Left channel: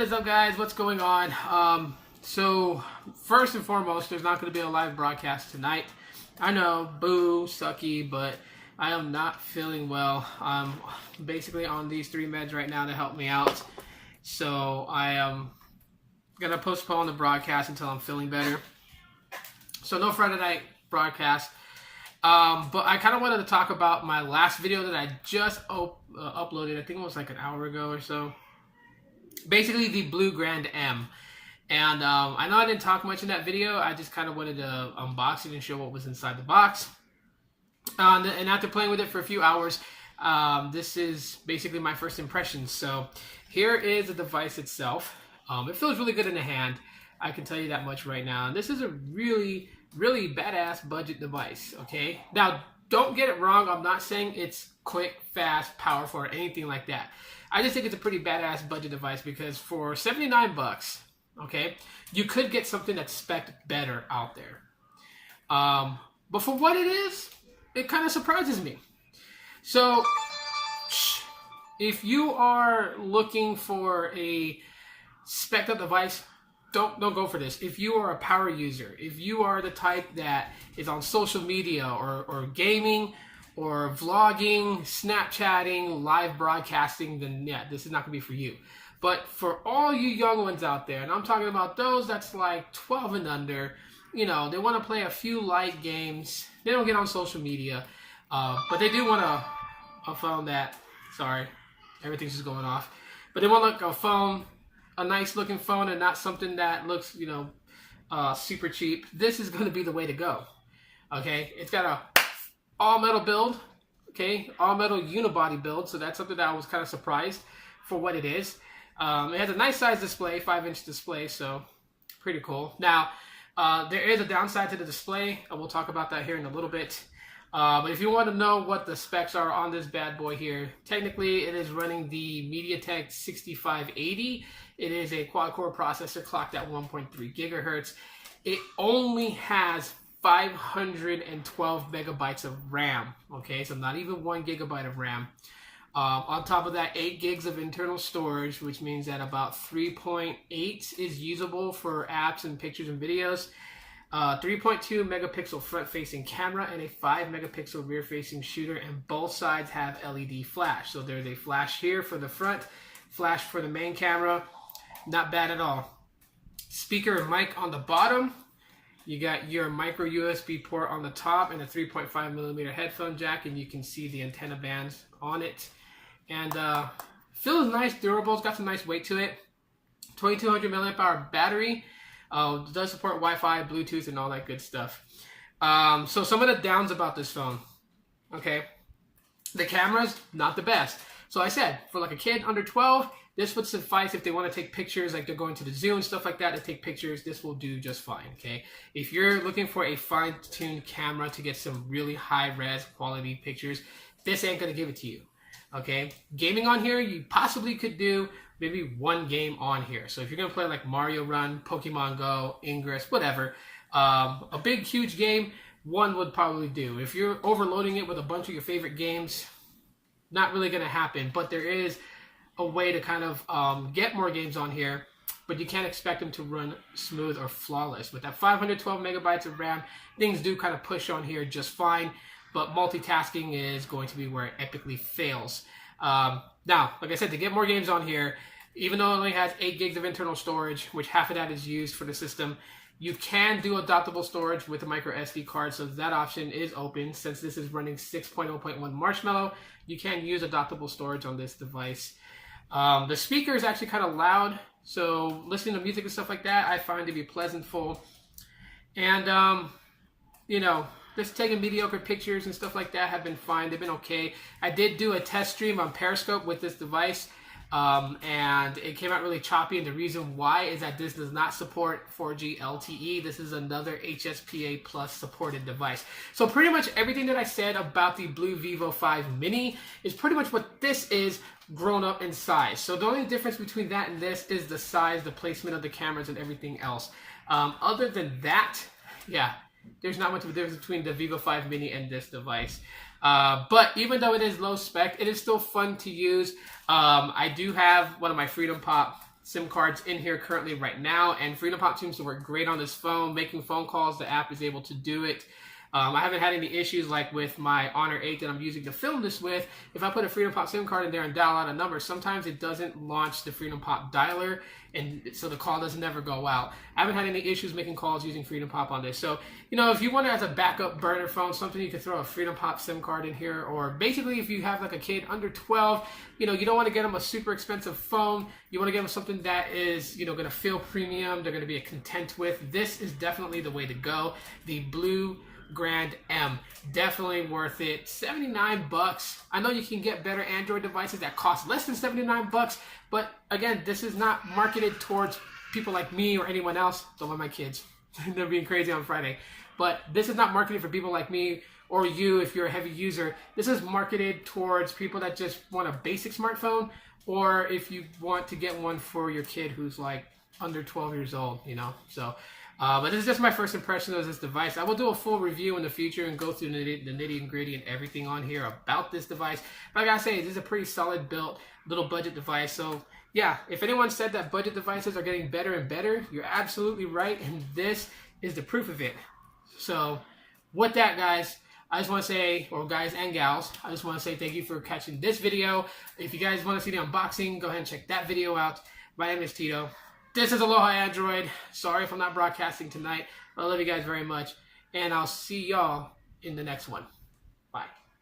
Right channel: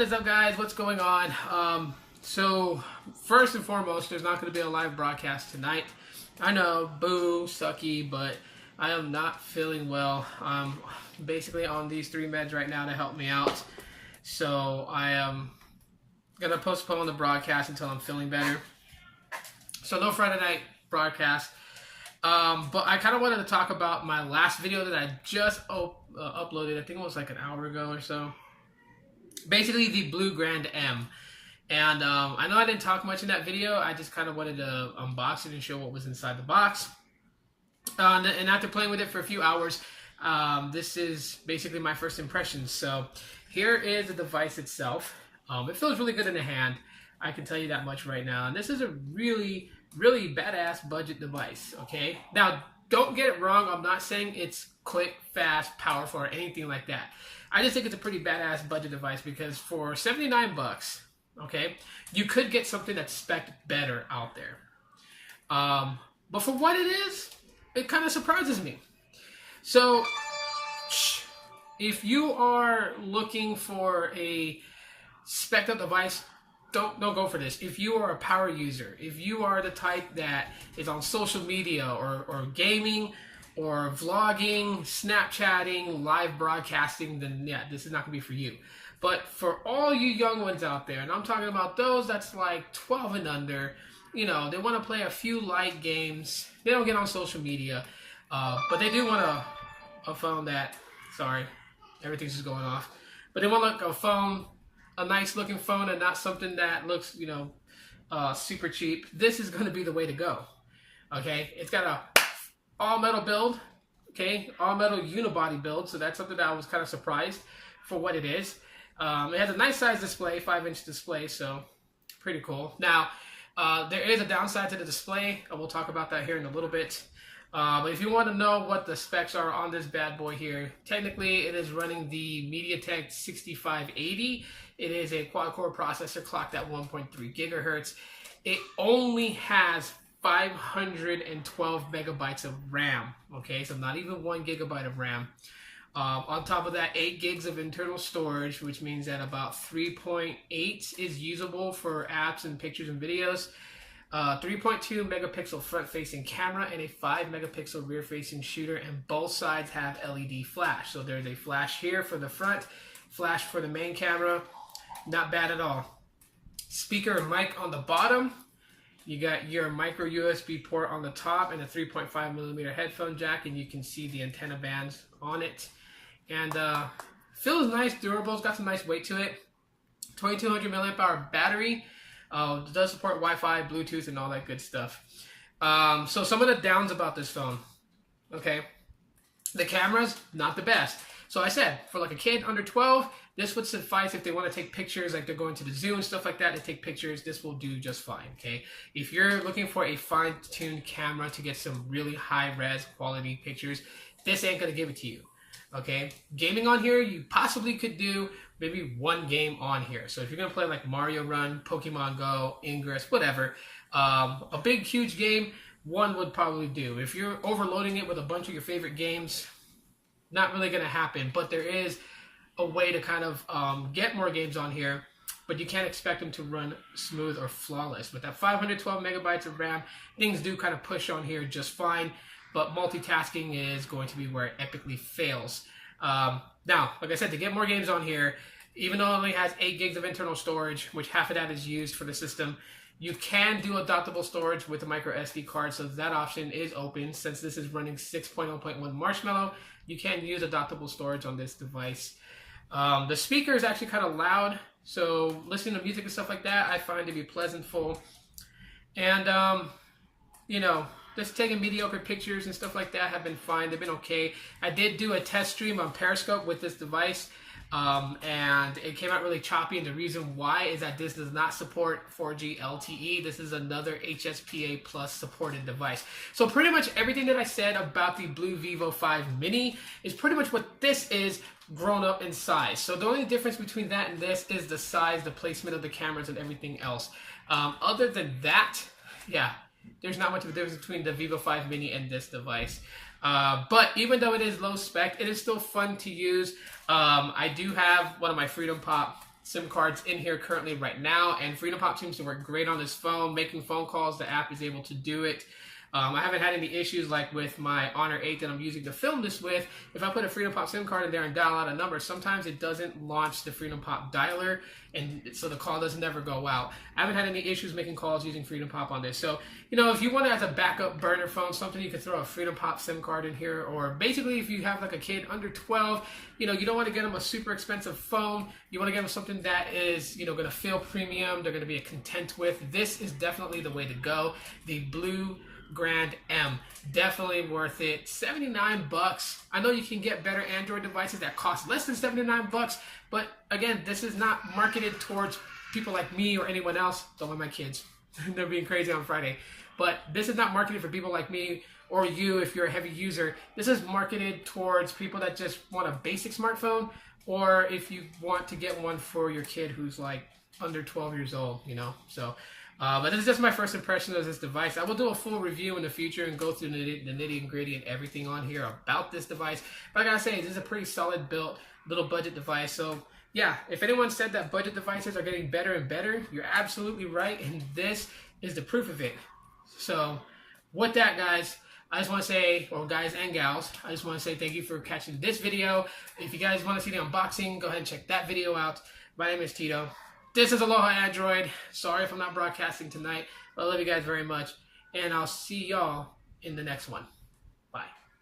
What is up, guys? What's going on? So first and foremost, there's not going to be a live broadcast tonight. I know, boo, sucky, but I am not feeling well. I'm basically on these 3 meds right now to help me out. So I am going to postpone the broadcast until I'm feeling better. So no Friday night broadcast. But I kind of wanted to talk about my last video that I just uploaded. I think it was like an hour ago or so. Basically the Blue Grand M. And I know I didn't talk much in that video. I just kind of wanted to unbox it and show what was inside the box. And after playing with it for a few hours, this is basically my first impressions. So here is the device itself. It feels really good in the hand. I can tell you that much right now. And this is a really badass budget device, okay? Now, don't get it wrong. I'm not saying it's quick, fast, powerful, or anything like that. I just think it's a pretty badass budget device because for 79 bucks, okay, you could get something that's spec'd better out there. But for what it is, it kind of surprises me. So, if you are looking for a spec'd up device, don't go for this. If you are a power user, if you are the type that is on social media or gaming or vlogging, Snapchatting, live broadcasting, then yeah, this is not gonna be for you. But for all you young ones out there, and I'm talking about those that's like 12 and under, you know, they want to play a few light games. They don't get on social media, but they do want a phone that, sorry, everything's just going off. But they want like a phone, a nice looking phone, and not something that looks, you know, super cheap. This is going to be the way to go. Okay, it's got a all metal build. Okay, all metal unibody build. So that's something that I was kind of surprised for what it is. It has a nice size display, 5-inch display, so pretty cool. Now, there is a downside to the display, and we'll talk about that here in a little bit. But if you want to know what the specs are on this bad boy here, technically it is running the MediaTek 6580. It is a quad-core processor clocked at 1.3 gigahertz. It only has 512 megabytes of RAM. Okay, so not even 1 gigabyte of RAM. On top of that, 8 gigs of internal storage, which means that about 3.8 is usable for apps and pictures and videos. 3.2 megapixel front-facing camera and a 5 megapixel rear-facing shooter, and both sides have LED flash. So there's a flash here for the front, flash for the main camera. Not bad at all. Speaker and mic on the bottom. You got your micro USB port on the top and a 3.5 millimeter headphone jack, and you can see the antenna bands on it. And feels nice, durable. It's got some nice weight to it. 2200 milliamp hour battery. Does support Wi-Fi, Bluetooth, and all that good stuff. So some of the downs about this phone. Okay, the camera's not the best. So I said, for like a kid under 12, this would suffice if they want to take pictures, like they're going to the zoo and stuff like that to take pictures. This will do just fine, okay? If you're looking for a fine-tuned camera to get some really high-res quality pictures, this ain't going to give it to you, okay? Gaming on here, you possibly could do maybe 1 game on here. So if you're going to play like Mario Run, Pokemon Go, Ingress, whatever, a big, huge game, 1 would probably do. If you're overloading it with a bunch of your favorite games, not really going to happen, but there is a way to kind of get more games on here, but you can't expect them to run smooth or flawless. With that 512 megabytes of RAM, things do kind of push on here just fine, but multitasking is going to be where it epically fails. Now, like I said, to get more games on here, even though it only has 8 gigs of internal storage, which half of that is used for the system, you can do adaptable storage with a micro SD card, so that option is open. Since this is running 6.0.1 Marshmallow, you can use adaptable storage on this device. The speaker is actually kind of loud, so listening to music and stuff like that, I find to be pleasantful. And, you know, just taking mediocre pictures and stuff like that have been fine. They've been okay. I did do a test stream on Periscope with this device, and it came out really choppy, and the reason why is that this does not support 4G LTE. This is another HSPA Plus supported device. So pretty much everything that I said about the Blue Vivo 5 Mini is pretty much what this is grown up in size. So the only difference between that and this is the size, the placement of the cameras, and everything else. Other than that, yeah, there's not much of a difference between the Vivo 5 Mini and this device. But even though it is low spec, it is still fun to use. I do have one of my Freedom Pop SIM cards in here currently right now, and Freedom Pop seems to work great on this phone. Making phone calls, the app is able to do it. I haven't had any issues like with my Honor 8 that I'm using to film this with. If I put a Freedom Pop SIM card in there and dial out a number, sometimes it doesn't launch the Freedom Pop dialer, and so the call doesn't ever go out. I haven't had any issues making calls using Freedom Pop on this. So, you know, if you want it as a backup burner phone, something you could throw a Freedom Pop SIM card in here, or basically if you have like a kid under 12, you know, you don't want to get them a super expensive phone. You want to get them something that is, you know, going to feel premium, they're going to be content with. This is definitely the way to go. The Blue Grand M, definitely worth it. 79 bucks. I know you can get better Android devices that cost less than 79 bucks, but again, this is not marketed towards people like me or anyone else. Don't let my kids, they're being crazy on Friday, but this is not marketed for people like me or you if you're a heavy user. This is marketed towards people that just want a basic smartphone, or if you want to get one for your kid who's like under 12 years old, you know. So but this is just my first impression of this device. I will do a full review in the future and go through the nitty and gritty and everything on here about this device. But I gotta say, this is a pretty solid built little budget device. So yeah, if anyone said that budget devices are getting better and better, you're absolutely right, and this is the proof of it. So with that, guys, I just want to say, or guys and gals, I just want to say thank you for catching this video. If you guys want to see the unboxing, go ahead and check that video out. My name is Tito. This is Aloha Android. Sorry if I'm not broadcasting tonight. I love you guys very much, and I'll see y'all in the next one.